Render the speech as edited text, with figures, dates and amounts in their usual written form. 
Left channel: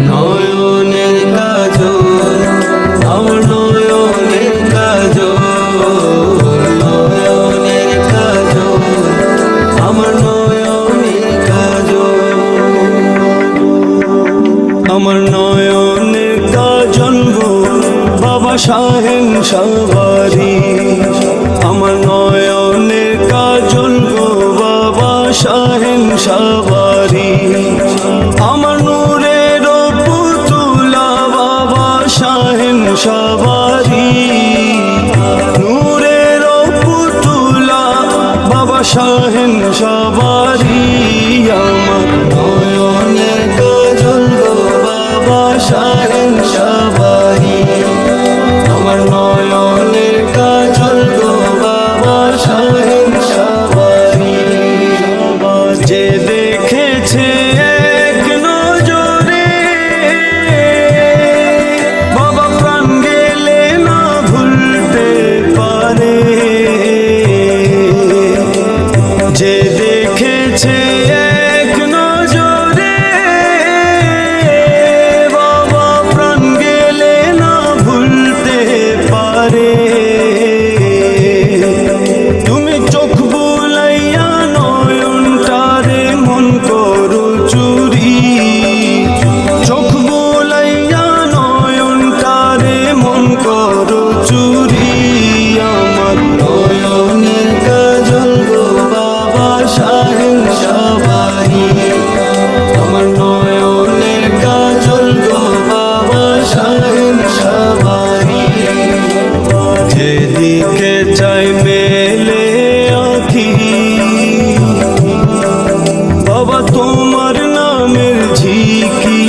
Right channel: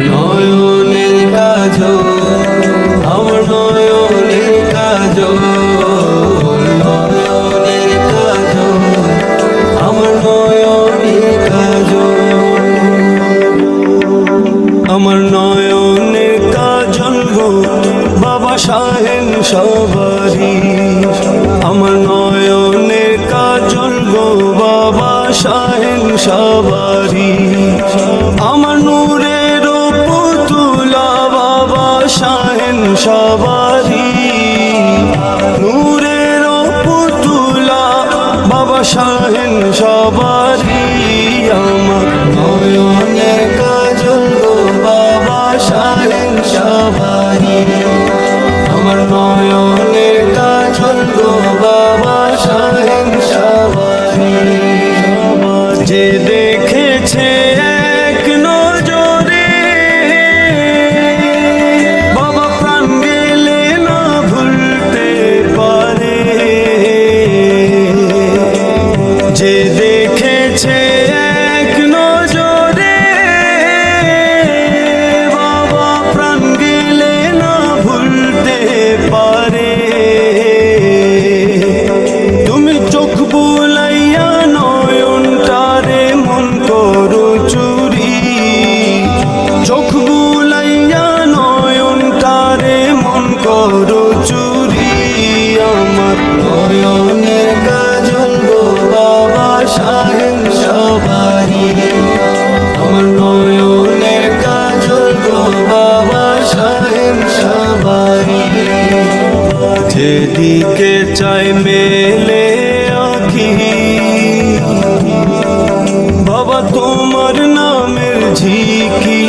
নয়নের কাজল আমার নয়নের কাজল, নয়নের কাজল আমার নয়নের কাজল, আমার নয়নের কাজল গো বাবা শাহেন সবারি, আমার নয়নের কাজল গো বাবা শাহেন সবারি, আমার নূরের পুতুলা বাবা শাহেন সবারি, নূরের পুতুলা বাবা শাহেন সবারি, আমার নয়নের কাজল গো বাবা শাহেন সবারি, আমার নয়নের কাজল গো বাবা শাহেন সবারি, যে দেখেছে এক নজরে বাবা প্রাণ গেলে না ভুলতে পারে, যে দেখেছে এক নজরে বাবা প্রাণ গেলে না ভুলতে পারে, তুমি চোখ বুলাইয়া নয়নটারে মন করো চুরি, চোখ বুলাইয়া নয়নটারে মন করো চুরি, আমার নয়নের কাজল গো বাবা শাহেন সবারি, আমার নয়নের কাজল গো বাবা শাহেন সবারি, যেদিকে চাই মেলে আঁখি বাবা তোমার নামের ঝিকি